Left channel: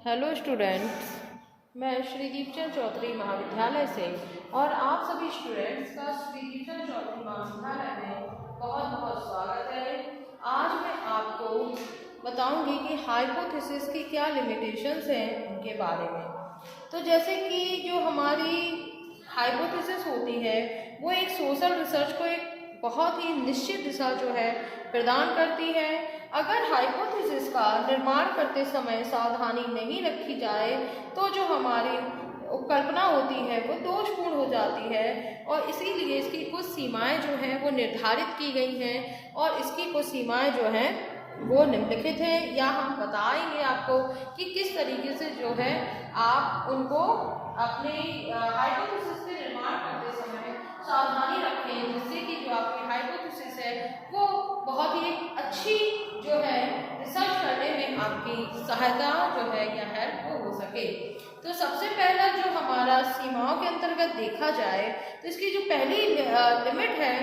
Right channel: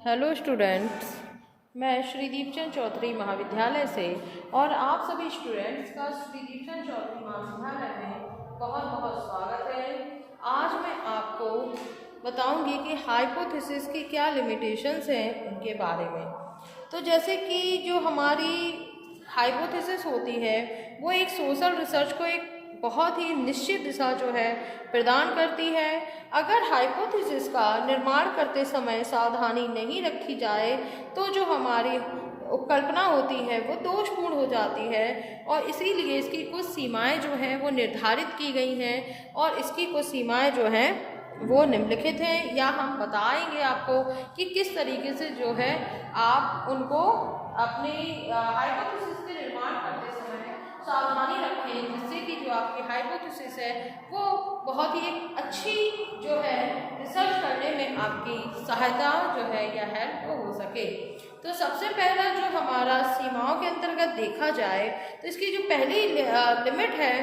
Hello students, मैं श्री दीपचंद चौधरी महाविद्यालय से और आप सभी स्टूडेंट्स का श्री दीपचंद चौधरी महाविद्यालय में बहुत बहुत स्वागत है। आज मैं आपको बताऊंगी कि हाइपोथेसिस की क्या लिमिटेशंस हैं उनके बारे में। तो जैसे कि जो हमारी हाइपोथेसिस होती है वो एक सोशल रिसर्च को एक बहुत ही निश्चित दिशा जो है प्रदान करती है। अगर हाइपोथेसिस का निर्माण करते समय सावधानी नहीं रखी जाए तो जो हमारी कल्पना होती है वो दोषपूर्ण हो जाती है और इसीलिए इसकी कुछ सीमाएं जो हैं वो निर्धारित की गई हैं और इसकी कुछ सीमाएं जो हैं वो निम्नलिखित हैं, या हम बताएंगे आपको कि किस तरीके से जो है आप उनको अपने हाइपोथेसिस के निर्माण करते समय सावधानी रखें, जिससे कि जो आपकी हाइपोथेसिस है वो बहुत ही अच्छी जो है रिसर्च करने में आपकी सहायता जो है या हेल्प हो सके। तो सबसे पहला जो हमारा सीमाओं के अंतर्गत देखा जाए तो इसकी जो पहली लिमिट है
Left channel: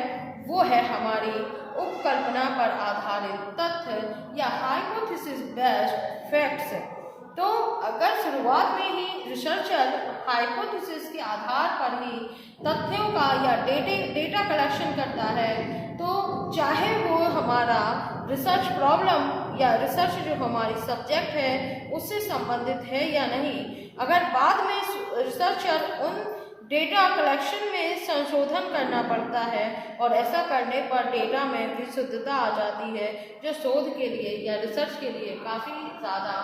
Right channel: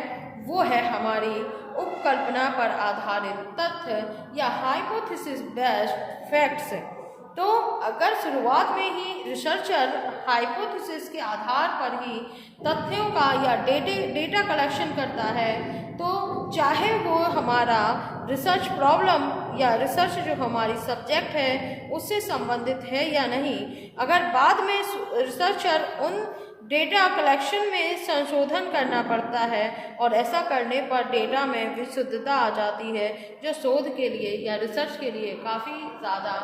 वो है हमारी उपकल्पना पर आधारित तथ्य या हाइपोथेसिस बेस्ड फैक्ट्स। तो अगर शुरुआत में ही रिसर्चर हाइपोथेसिस के आधार पर ही तथ्यों का या डेटा कलेक्शन करता है तो चाहे वो हमारा रिसर्च प्रॉब्लम या रिसर्च जो हमारी सब्जेक्ट है उससे संबंधित है या नहीं, अगर बाद में रिसर्चर उन डेटा कलेक्शन में संशोधन करना पड़ता है और ऐसा करने पर डेटा में विशुद्धता आ जाती है जो शोध के लिए या रिसर्च के लिए काफ़ी ज़्यादा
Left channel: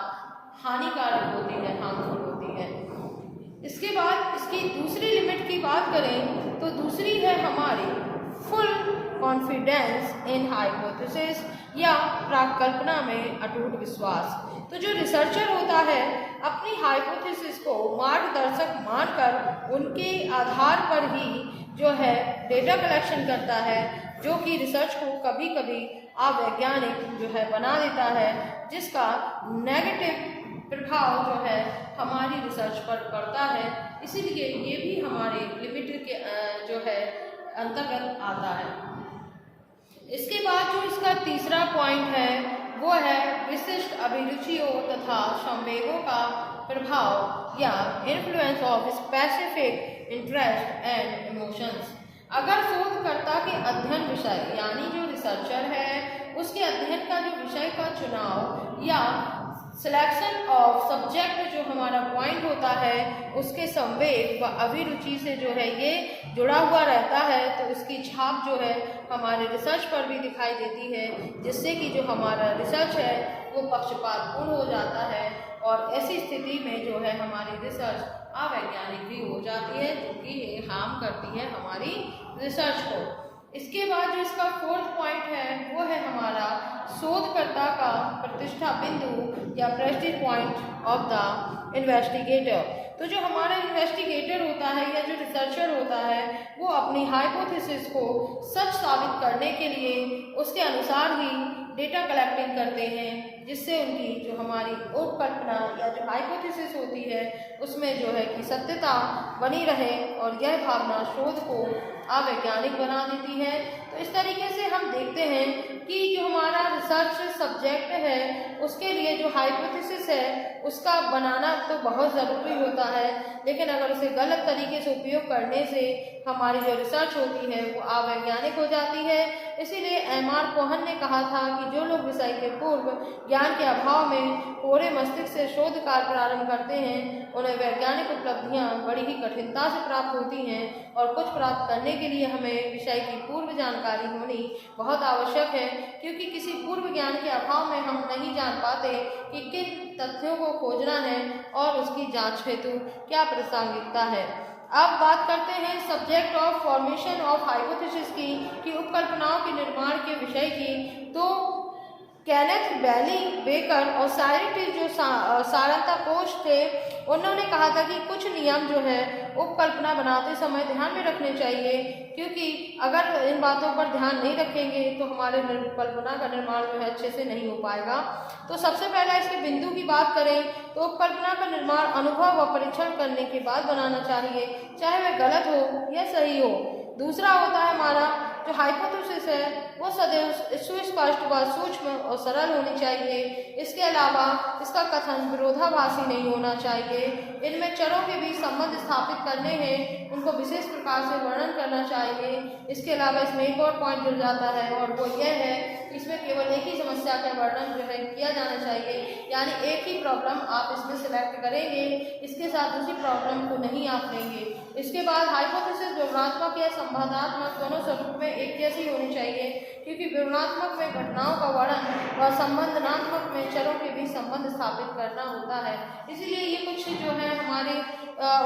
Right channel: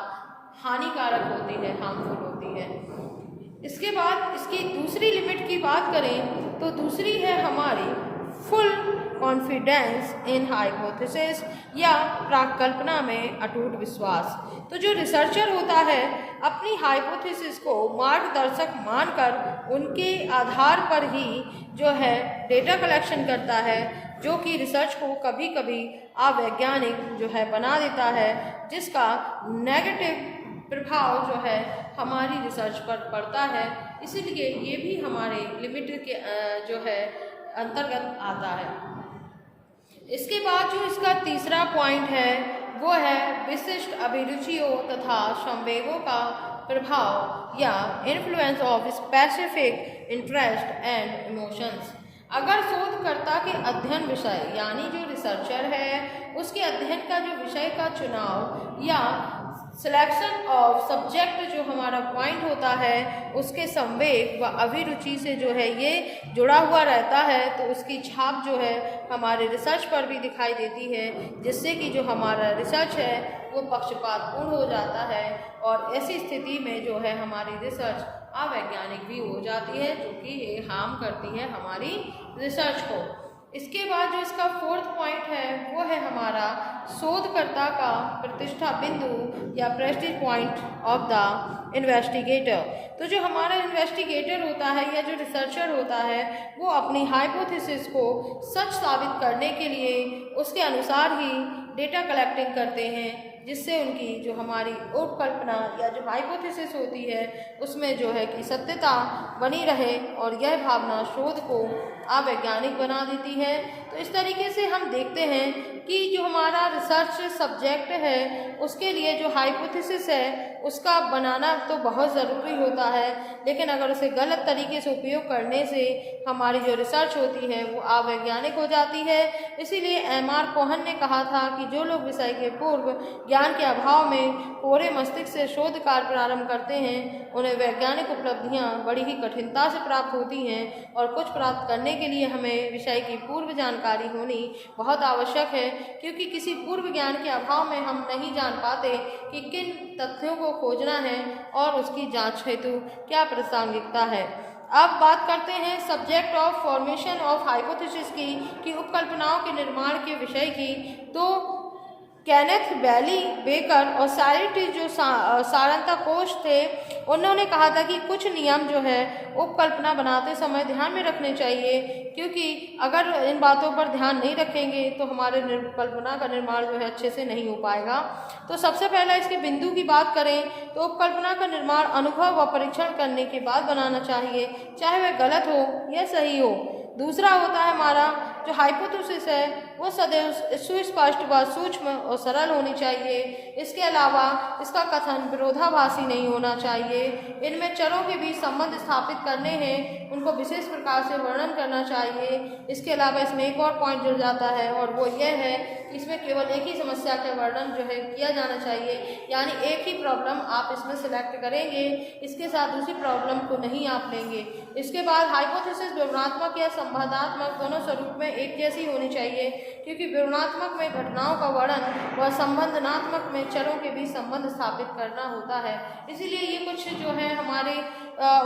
हानिकारक होती है, हार्मफुल होती है। इसके बाद इसकी दूसरी लिमिट की बात करें तो दूसरी है हमारी फुल कॉन्फिडेंस इन हाइपोथेसिस या प्राकल्पना में अटूट विश्वास। तो जो रिसर्चर होता है अपनी हाइपोथेसिस को मार्गदर्शक मानकर उनके आधार पर ही जो है डेटा कलेक्शन करता है, जो कि रिसर्च को कभी कभी अवैज्ञानिक जो है बना देता है, जिसका नेगेटिव प्रभाव जो है हमारी रिसर्च पर पड़ता है। इसीलिए ये भी हमारे लिमिट के जो है अंतर्गत आता है। इसके बाद जो इसका तीसरा पॉइंट है वो है विशिष्ट अभिरुचियों तथा संवेगों का प्रभाव या influence of specific interest and emotions. अगर शोधकर्ता के अध्ययन विषय यानी जो रिसर्चर है उसके अध्ययन का जो विषय का चुनाव या सिलेक्शन ऑफ सब्जेक्ट जो हमारा पॉइंट होता है उसके संवेग व अभिरुचि से जो है ये जुड़ा हुआ रहता है तो उसकी छाप जो है हमारे रिसर्च पर भी दिखाई देती है, जिससे कि जो हमारा रिसर्च है वो पक्षपातपूर्ण हो जाता है और ऐसी स्थिति में जो है हमारी रिसर्च अवैज्ञानिक भी हो जाती है, जो कि ये हार्म करती है हमारी रिसर्च को। इसके बाद जो इसका फोर्थ पॉइंट है वो है हमारा शोधकर्ता का प्रतिष्ठा बिंदु या Prestige point of the investigator. तो जो हमारा इन्वेस्टिगेटर होता है या जो रिसर्चर होता है वो अपनी हाइपोथेसिस को सच साबित करने के लिए उसके अनुसार ही डेटा कलेक्टिंग करते हैं, जिससे उनकी जो हमारी उपकल्पना या जो हाइपोथेसिस होती है उसमें जो है कि सत्यता बनी रहे और यह भावना शोध को अवैज्ञानिक बना देती है। तो इस तरीके से हम देखते हैं कि जो हमारा रिसर्च सब्जेक्ट है उसके लिए जो हाइपोथेसिस है उसका बनाना तो बहुत ज़रूरी होता है, लेकिन अगर उसे गलत तरीके से उपयोग करने से हमारी जो रिसर्च होती है वो अवैज्ञानिक हो जाती है। इसीलिए एम.आर. कोहन ने कहा था कि जो लोग विषय के पूर्व ज्ञान के अभाव में पूरे मस्तिष्क से शोध कार्य प्रारंभ करते हैं उन्हें वैज्ञानिक उपलब्धियां बड़ी ही कठिनता से प्राप्त होती हैं और कुछ प्राप्त करने के लिए हमें विषय की पूर्व जानकारी होनी बहुत आवश्यक है, क्योंकि किसी पूर्व ज्ञान के अभाव में हम नहीं जान पाते कि किन तथ्यों को खोजना है और उसकी जांच हेतु क्या प्रासंगिकता है। अब बात करते हैं subject of formation of hypothesis की कि उपकल्पनाओं के निर्माण के विषय की। तो केनेथ बैली बेकर और साइरेटिस जो सारंता कोश थे उन्होंने कहा था कि कुछ नियम जो है उपकल्पना बनाते समय ध्यान में रखने चाहिए, क्योंकि अगर इन बातों पर ध्यान नहीं रखेंगे तो हमारे कल्पना का निर्माण जो है अच्छे से नहीं हो पाएगा। तो सबसे पहले इसके बिंदु की बात करें तो उपकल्पना का निर्माण अनुभव व परीक्षण करने के बाद बनाना चाहिए, चाहे वह गलत हो या सही हो। दूसरा होता है हमारा जो हाइपोथेसिस है वो सदैव सुस्पष्ट व सूक्ष्म और सरल होनी चाहिए। इसके अलावा इसका कथन विरोधाभासी नहीं होना चाहिए। इनमें चरों के बीच संबंध स्थापित करने हैं, उनको विशेष प्रकार से वर्णन करना चाहिए। इसके अलावा इसमें एक और पॉइंट जुड़ जाता है और वो ये है कि इसमें केवल एक ही समस्या का वर्णन जो है किया जाना चाहिए, यानी एक ही प्रॉब्लम आप इसमें सिलेक्ट करेंगे, इसके साथ दूसरी प्रॉब्लम को नहीं आप लेंगे। इसके बाद हाइपोथेसिस विवरणात्मक या संवादात्मक दोनों स्वरूप में एक जैसी होनी चाहिए, क्योंकि विवरणात्मक में घटनाओं का वर्णन और संबंधनात्मक में चरों के बीच संबंध स्थापित करना होता है। इसीलिए ये कुछ जो है हमारे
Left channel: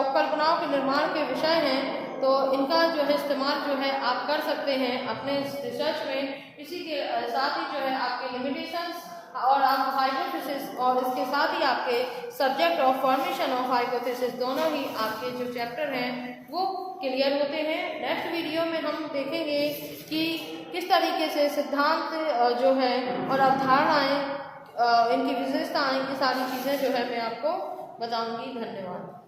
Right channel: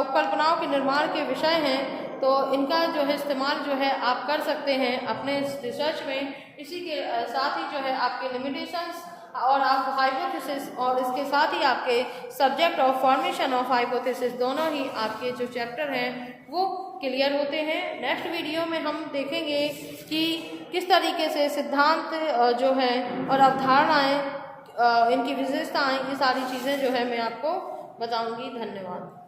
उपकल्पनाओं के निर्माण के विषय हैं, तो इनका जो है इस्तेमाल जो है आप कर सकते हैं अपने रिसर्च में। इसी के साथ ही जो है आपके लिमिटेशंस और आप हाइपोथेसिस और इसके साथ ही आपके subject of formation of hypothesis दोनों ही आपके जो चैप्टर हैं वो क्लियर होते हैं। नेक्स्ट वीडियो में हम देखेंगे कि किस तरीके से सिद्धांत जो है और अवधारणाएं, इनकी विशेषताएं, ये सारी चीज़ें जो है मैं आपको बताऊंगी। धन्यवाद।